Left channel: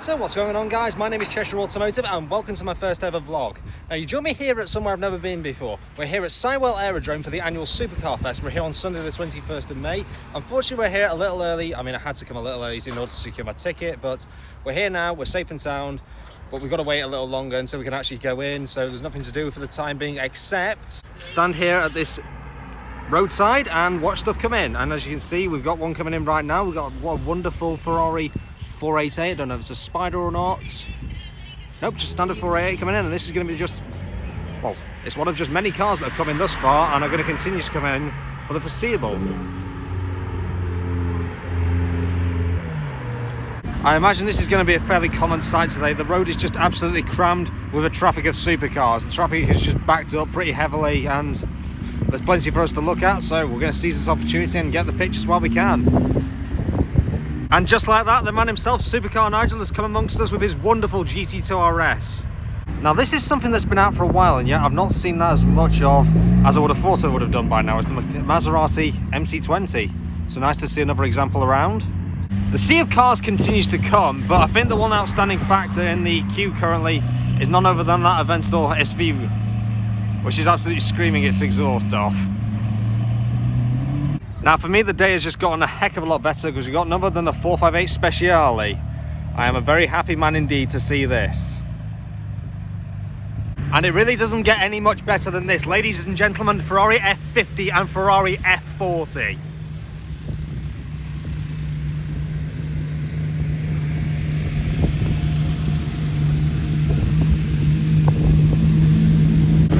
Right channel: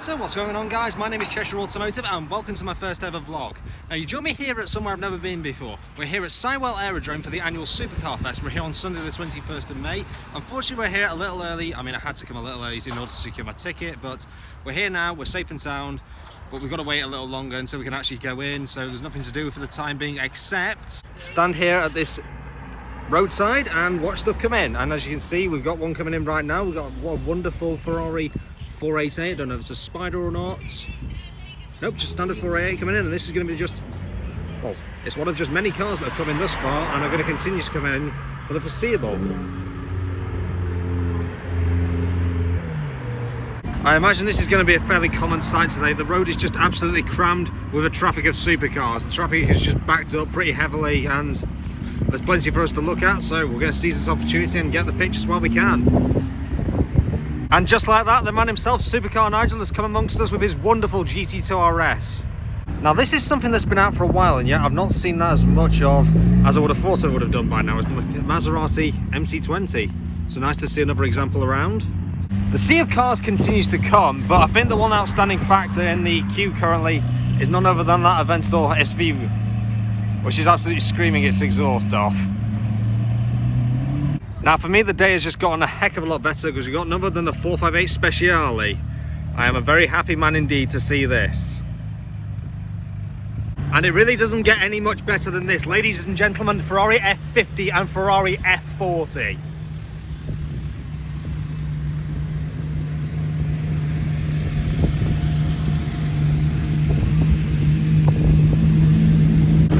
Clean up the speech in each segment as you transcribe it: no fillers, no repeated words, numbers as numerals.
So what's going on, guys? My name is Cheshire Automotive and welcome to my first ever vlog. Now you join me here at somewhere I've never been before. We're here at Sywell Aerodrome for the annual Supercar Fest. We're here on Sunday the 21st of May. Unfortunately we're here a little early. I mean, I had to come a little early in order to secure my ticket, but we're here now, we're safe and sound, but we've got to wait a little longer until we can actually go in, so there's nothing to do for the time being except stand here at this roadside and watch stuff come in. And as you can see, we've got one coming in right now. We've got a wonderful Ferrari 488. I don't know if it's a Spider or not. Nope, just standard 488 coming in, and this is going to be just, well, it's one of just many cars that have come in thus far and are going to continue to come in for the foreseeable. I imagine this is going to be a fairly common sight today. The road is just absolutely crammed with a traffic of supercars. The traffic is just backed up pretty heavily and there's plenty for us to look at, so we're going to seize this opportunity and get the pictures while we can. And just like that, the man himself, Supercar Nigel, has come amongst us with his wonderful GT2 RS. Now this is something that's been out for a while, and yet I've not seen that as much of as I would have thought I would have done by now. It's the Maserati MC20. So nice to see another example around. The sea of cars continues to come, but I think the one outstanding factor in the queue currently is none other than that Aventador SV, which is absolutely screaming its exhaust off. Now for me, the day has just gotten a heck of a lot better because we've got none other than the 458 Speciale. I am a very happy man indeed to see this. And it really doesn't get any much better than this. Ladies and gentlemen, Ferrari F50 and Ferrari F40.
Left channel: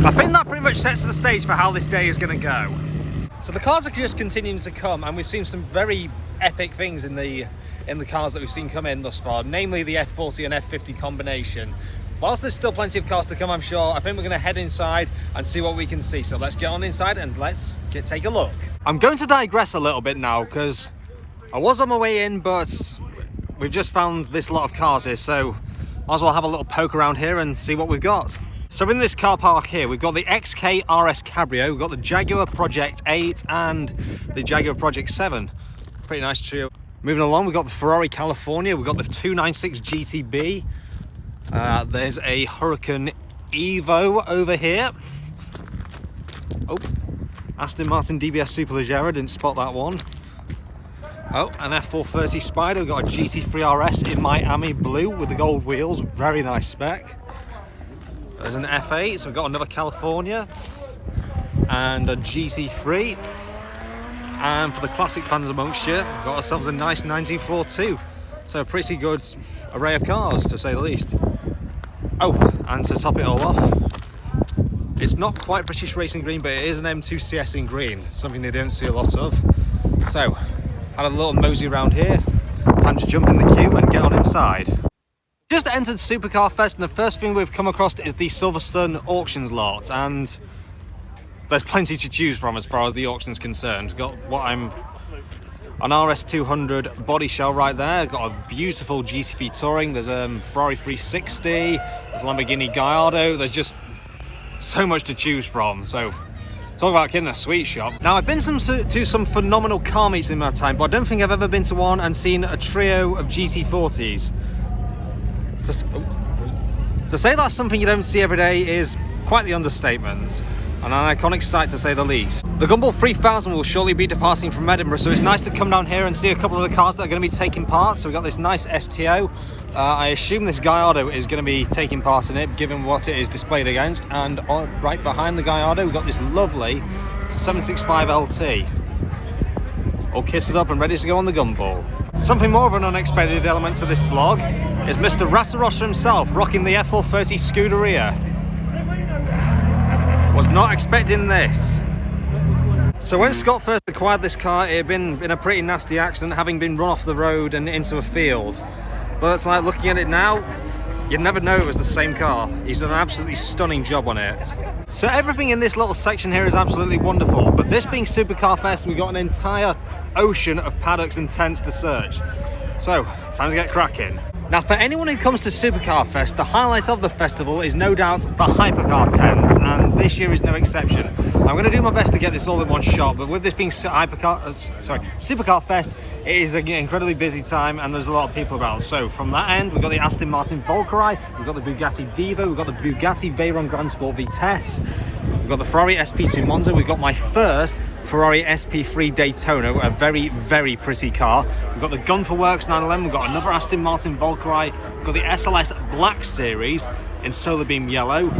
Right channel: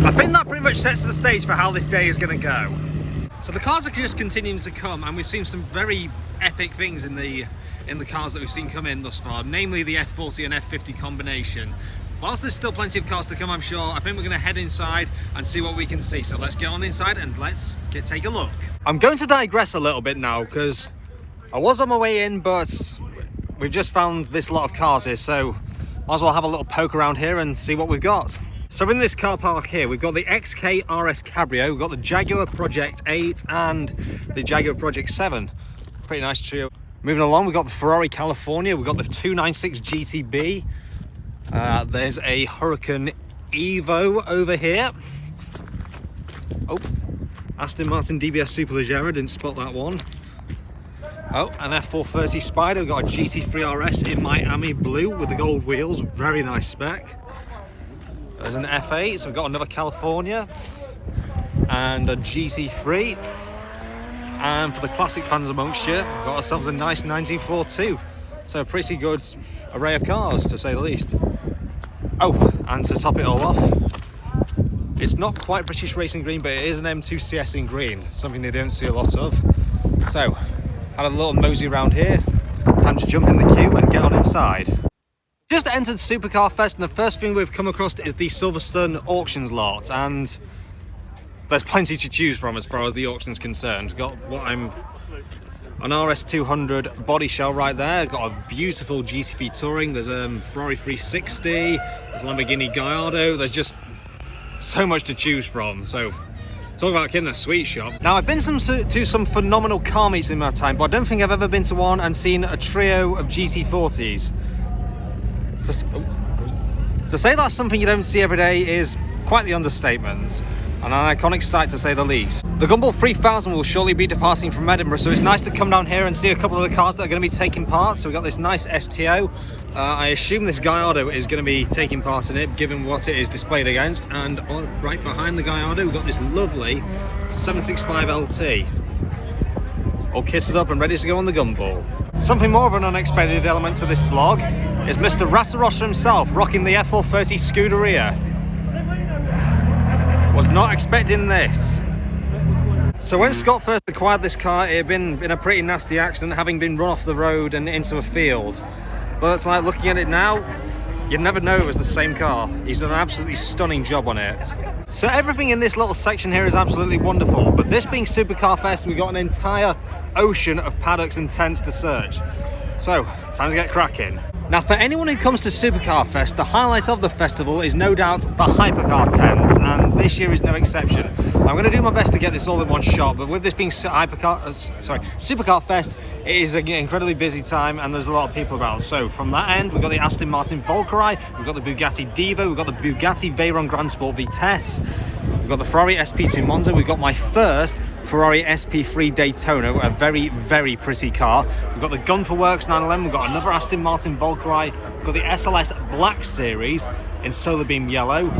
I think that pretty much sets the stage for how this day is going to go. So the cars are just continuing to come, and we've seen some very epic things in the cars that we've seen come in thus far, namely the F40 and F50 combination. Whilst there's still plenty of cars to come, I'm sure, I think we're going to head inside and see what we can see. So let's get on inside and let's take a look. I'm going to digress a little bit now because I was on my way in, but we've just found this lot of cars here, so might as well have a little poke around here and see what we've got. So in this car park here, we've got the XK RS Cabrio, we've got the Jaguar Project 8 and the Jaguar Project 7. Pretty nice trio. Moving along, we've got the Ferrari California, we've got the 296 GTB. There's a Huracan Evo over here. Oh, Aston Martin DBS Superleggera, didn't spot that one. Oh, an F430 Spider, we've got a GT3 RS in Miami blue with the gold wheels, very nice spec. There's an F8, so we've got another California and a GT3. And for the classic fans amongst you, we've got ourselves a nice 1942. So a pretty good array of cars, to say the least. Oh, and to top it all off, it's not quite British Racing Green, but it is an M2CS in green, something they don't see a lot of. So, had a little mosey around here. Time to jump in the queue and get on inside. Just entered Supercar Fest, and the first thing we've come across is the Silverstone auctions lot, and there's plenty to choose from as far as the auction's concerned. Got what I'm an RS200 body shell right there, got a beautiful GT3 Touring, there's a Ferrari 360, there's a Lamborghini Gallardo, there's just so much to choose from. So talk about getting a sweet shop. Now I've been to some phenomenal car meets in my time, but I don't think I've ever been to one and seen a trio of GT40s. To say that's something you don't see every day is quite the understatement, and an iconic sight to say the least. The Gumball 3000 will shortly be departing from Edinburgh, so it's nice to come down here and see a couple of the cars that are going to be taking part. So we've got this nice STO. I assume this Gallardo is going to be taking part in it, given what it is displayed against. And right behind the Gallardo, we've got this lovely 765 LT. All kitted up and ready to go on the Gumball. Something more of an unexpected element to this vlog is Mr. Ratarosha himself, rocking the F430 Scuderia. Was not expecting this. So when Scott first acquired this car, it had been in a pretty nasty accident, having been run off the road and into a field. But it's like, looking at it now, you'd never know it was the same car. He's done an absolutely stunning job on it. So everything in this little section here is absolutely wonderful, but this being Supercar Fest, we've got an entire ocean of paddocks and tents to search. So, time to get cracking. Now for anyone who comes to Supercar Fest, the highlight of the festival is no doubt the Hypercar tents, and this year is no exception. I'm going to do my best to get this all in one shot, but with this being Supercar Fest, It is an incredibly busy time and there's a lot of people around. So from that end, we've got the Aston Martin Valkyrie, we've got the Bugatti Divo, we've got the Bugatti Veyron Grand Sport Vitesse, we've got the Ferrari SP2 Monza, we've got my first Ferrari SP3 Daytona, a very, very pretty car. We've got the Gun for Works 911, we've got another Aston Martin Valkyrie, we've got the SLS Black Series in Solar Beam Yellow.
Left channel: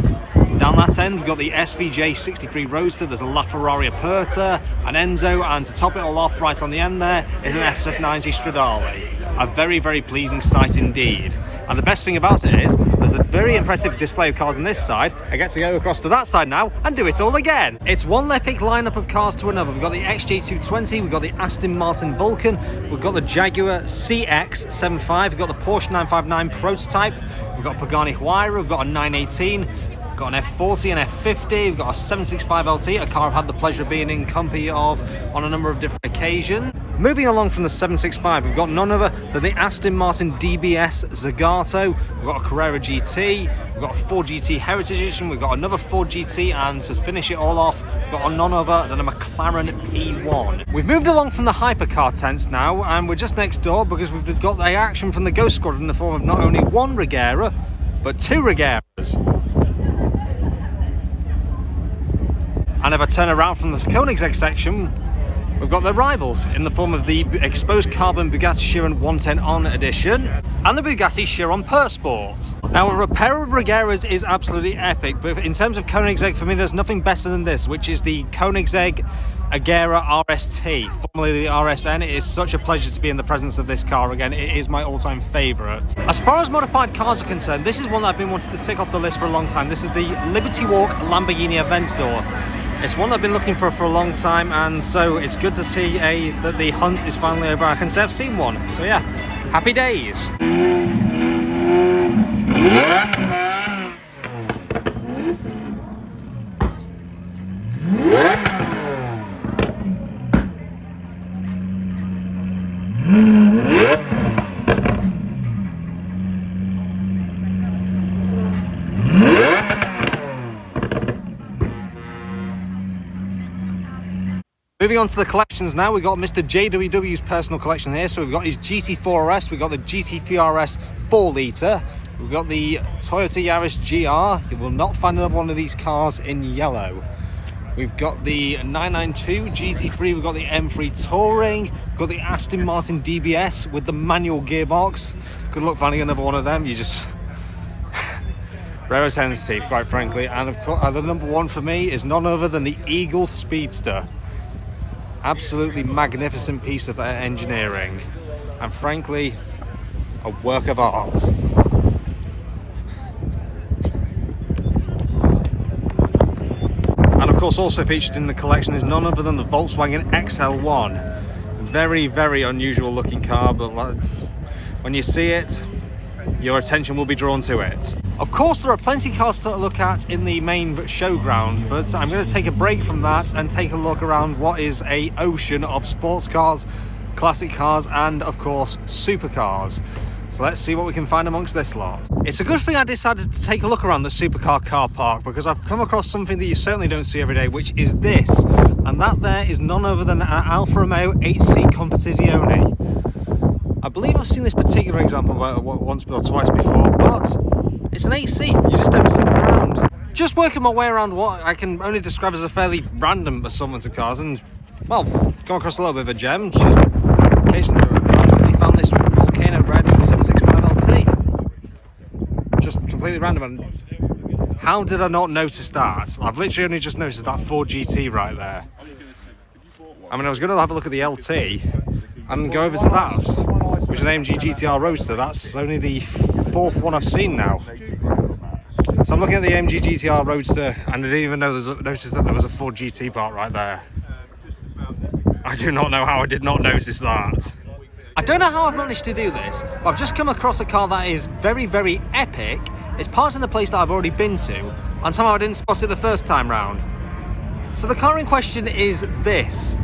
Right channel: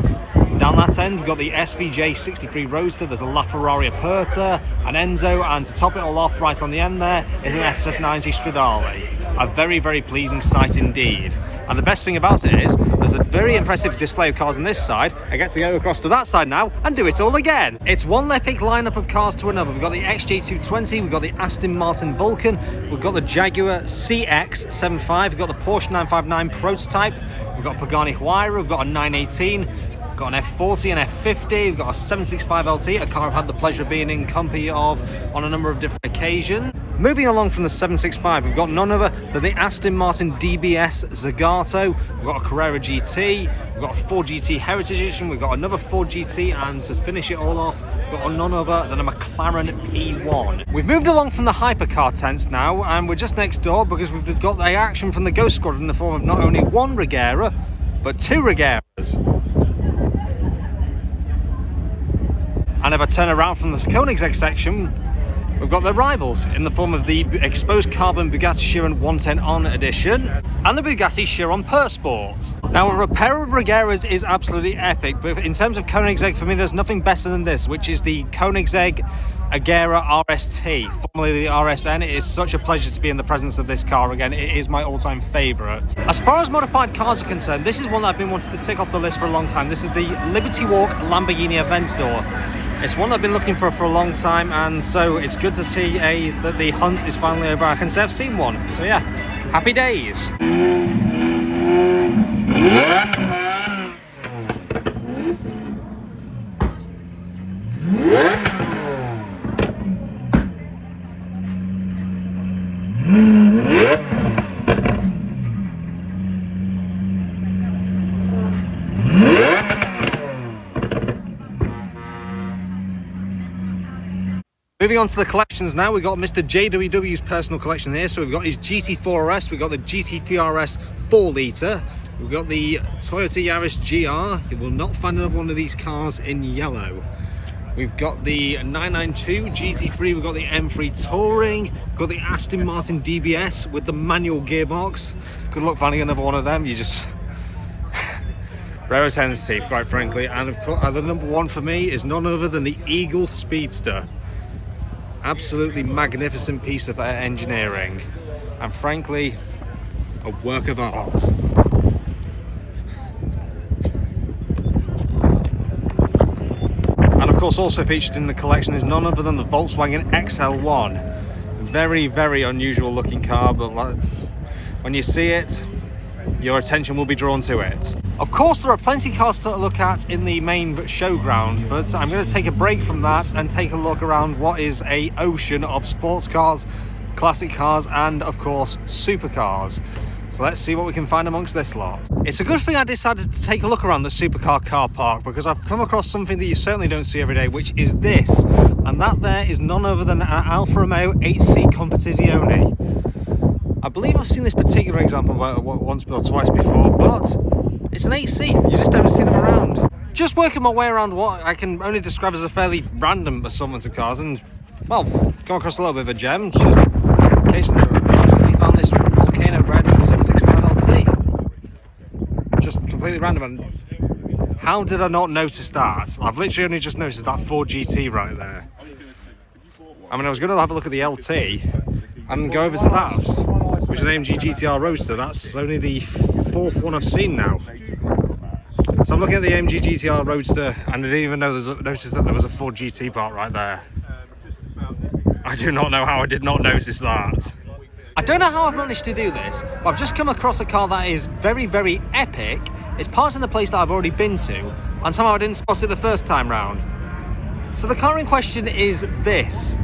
Down that end, we've got the SVJ 63 Roadster, there's a LaFerrari Aperta, an Enzo, and to top it all off, right on the end there, is an SF90 Stradale. A very, very pleasing sight indeed. And the best thing about it is, there's a very impressive display of cars on this side. I get to go across to that side now and do it all again. It's one epic lineup of cars to another. We've got the XJ220, we've got the Aston Martin Vulcan, we've got the Jaguar CX-75, we've got the Porsche 959 prototype, we've got a Pagani Huayra, we've got a 918, we've got an F40, an F50, we've got a 765 LT, a car I've had the pleasure of being in company of on a number of different occasions. Moving along from the 765, we've got none other than the Aston Martin DBS Zagato, we've got a Carrera GT, we've got a Ford GT Heritage Edition, we've got another Ford GT, and to finish it all off, we've got none other than a McLaren P1. We've moved along from the hypercar tents now, and we're just next door because we've got the action from the Ghost Squadron in the form of not only one Regera, but two Regeras. And if I turn around from the Koenigsegg section, we've got their rivals in the form of the exposed carbon Bugatti Chiron 110 On edition and the Bugatti Chiron Pur Sport. Now, a repair of Regeras is absolutely epic, but in terms of Koenigsegg, for me, there's nothing better than this, which is the Koenigsegg Agera RST, formerly the RSN. It is such a pleasure to be in the presence of this car again. It is my all-time favourite. As far as modified cars are concerned, this is one that I've been wanting to tick off the list for a long time. This is the Liberty Walk Lamborghini Aventador. It's one I've been looking for a long time, and so it's good to see that the hunt is finally over. I can say I've seen one, so yeah, happy days. Moving on to the collections now, we've got Mr. JWW's personal collection here. So we've got his GT4RS, we've got the GT3RS 4 litre, we've got the Toyota Yaris GR. You will not find another one of these cars in yellow. We've got the 992 GT3, we've got the M3 Touring, we've got the Aston Martin DBS with the manual gearbox. Good luck finding another one of them, you just... rare as hen's teeth, quite frankly. And of course, the number one for me is none other than the Eagle Speedster. Absolutely magnificent piece of engineering, and frankly, a work of art. And of course, also featured in the collection is none other than the Volkswagen XL1. Very, very unusual looking car, but when you see it, your attention will be drawn to it. Of course, there are plenty of cars to look at in the main showground, but I'm going to take a break from that and take a look around what is an ocean of sports cars, classic cars, and of course, supercars. So let's see what we can find amongst this lot. It's a good thing I decided to take a look around the supercar car park, because I've come across something that you certainly don't see every day, which is this. And that there is none other than an Alfa Romeo 8C Competizione. I believe I've seen this particular example once or twice before, but it's an 8C, you just don't see them around. Just working my way around what I can only describe as a fairly random assortment of cars, and, well, come across a little bit of a gem. Just occasionally randomly found this Volcano Red 765 LT. Just completely random, and how did I not notice that? I've literally only just noticed that Ford GT right there. I mean, I was going to have a look at the LT and go over to that, which is an AMG GTR Roadster. That's only the fourth one I've seen now. So I'm looking at the AMG GTR Roadster, and I didn't even notice that there was a Ford GT part right there. I do not know how I did not notice that. I don't know how I've managed to do this, but I've just come across a car that is very, very epic. It's parked in the place that I've already been to, and somehow I didn't spot it the first time round. So the car in question is this.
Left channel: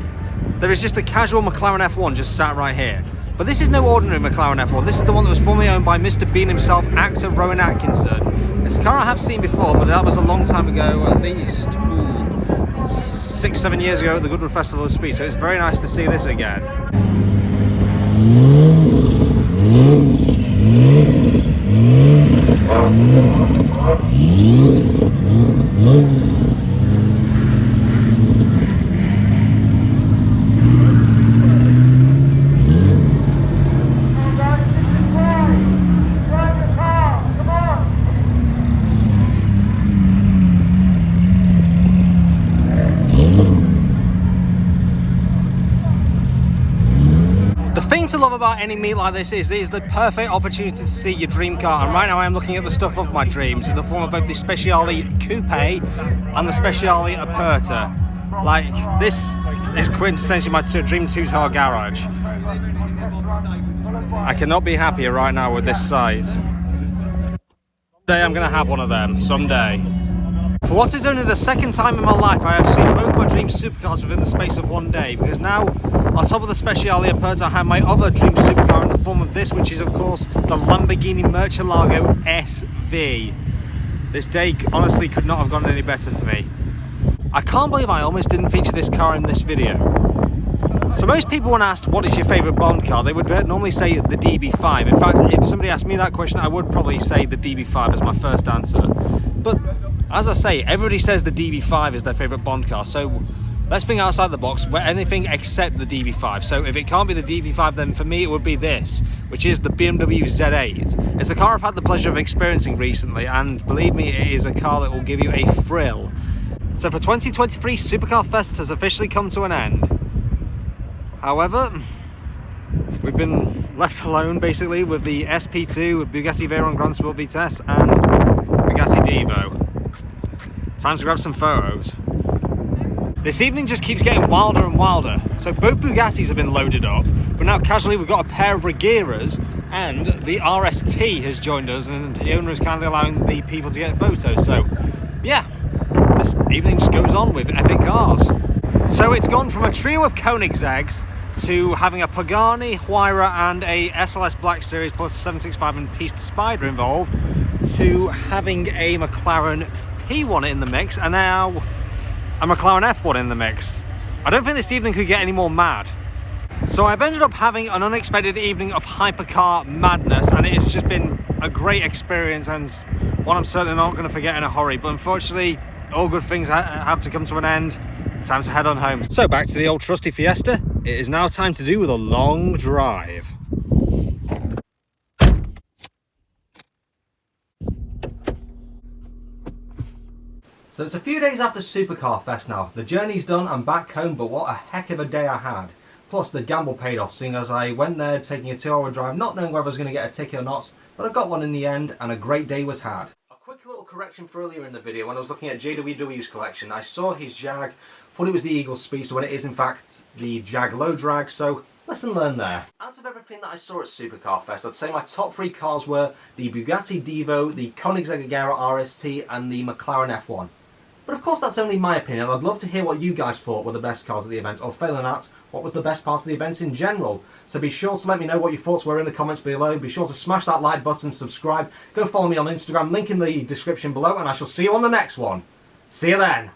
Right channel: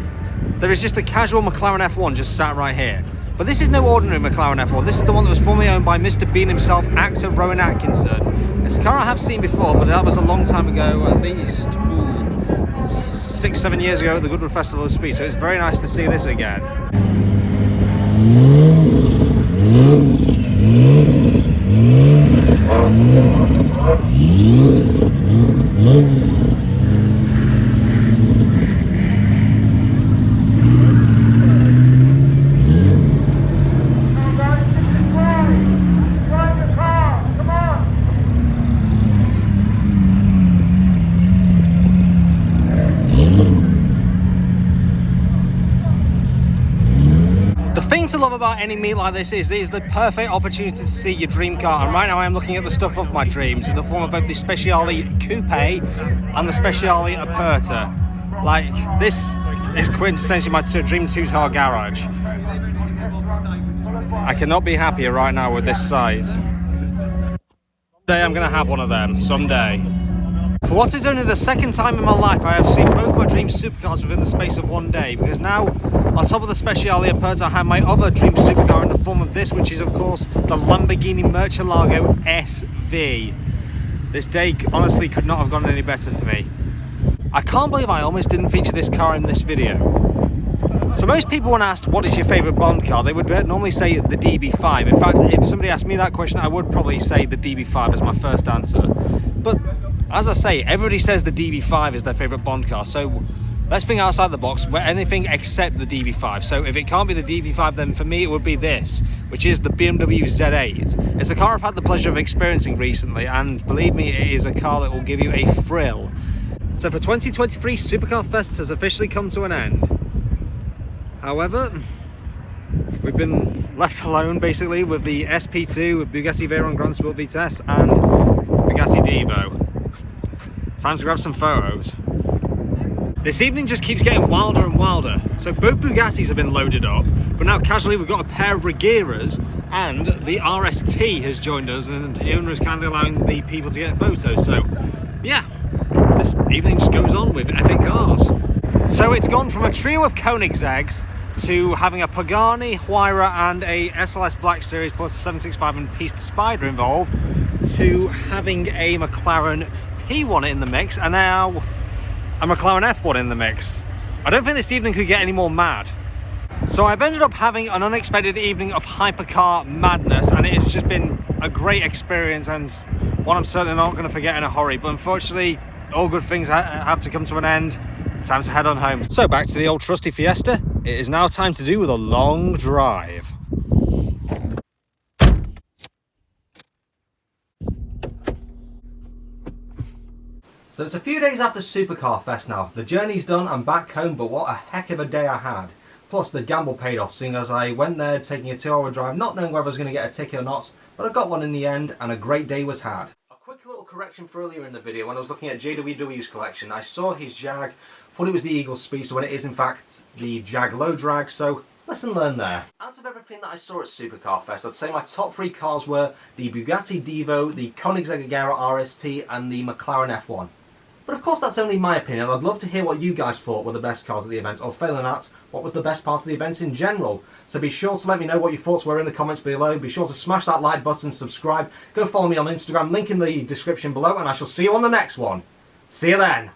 There is just a casual McLaren F1 just sat right here. But this is no ordinary McLaren F1. This is the one that was formerly owned by Mr. Bean himself, actor Rowan Atkinson. It's a car I have seen before, but that was a long time ago, at least 6-7 years ago at the Goodwood Festival of Speed. So it's very nice to see this again. The thing to love about any meet like this is it is the perfect opportunity to see your dream car, and right now I am looking at the stuff of my dreams in the form of both the Speciale Coupe and the Speciale Aperta. Like, this is quintessentially my dream two-car garage. I cannot be happier right now with this site. Someday I'm going to have one of them, someday. For what is only the second time in my life I have seen both my dream supercars within the space of one day, because now on top of the Speciale Aperta I have my other dream supercar in the form of this, which is of course the Lamborghini Murcielago SV. This day honestly could not have gone any better for me. I can't believe I almost didn't feature this car in this video. So most people when asked what is your favourite Bond car, they would normally say the DB5. In fact, if somebody asked me that question, I would probably say the DB5 as my first answer. But as I say, everybody says the DB5 is their favourite Bond car, so let's think outside the box. We're anything except the DB5. So if it can't be the DB5, then for me it would be this, which is the BMW Z8. It's a car I've had the pleasure of experiencing recently, and believe me, it is a car that will give you a thrill. So for 2023, Supercar Fest has officially come to an end. However, we've been left alone basically with the SP2, with Bugatti Veyron Grand Sport Vitesse and Bugatti Devo. Time to grab some photos. This evening just keeps getting wilder and wilder. So both Bugattis have been loaded up, but now casually we've got a pair of Regeras, and the RST has joined us, and the owner is kindly allowing the people to get photos. So yeah, this evening just goes on with epic cars. So it's gone from a trio of Koenigsegg's to having a Pagani, Huayra and a SLS Black Series plus a 765 and Pista Spider involved, to having a McLaren P1 in the mix, and now a McLaren F1 in the mix. I don't think this evening could get any more mad. So I've ended up having an unexpected evening of hypercar madness, and it has just been a great experience and one I'm certainly not going to forget in a hurry. But unfortunately, all good things have to come to an end. It's time to head on home. So back to the old trusty Fiesta. It is now time to do with a long drive. So it's a few days after Supercar Fest now. The journey's done, I'm back home, but what a heck of a day I had. Plus the gamble paid off, seeing as I went there taking a 2-hour drive, not knowing whether I was going to get a ticket or not, but I got one in the end, and a great day was had. A quick little correction for earlier in the video, when I was looking at JWW's collection, I saw his Jag, thought it was the Eagle Speedster when it is in fact the Jag Low Drag, so lesson learned there. Out of everything that I saw at Supercar Fest, I'd say my top 3 cars were the Bugatti Devo, the Koenigsegg Agera RST and the McLaren F1. But of course that's only my opinion. I'd love to hear what you guys thought were the best cars at the event, or failing that, what was the best part of the event in general. So be sure to let me know what your thoughts were in the comments below. Be sure to smash that like button, subscribe, go follow me on Instagram, link in the description below, and I shall see you on the next one. See you then.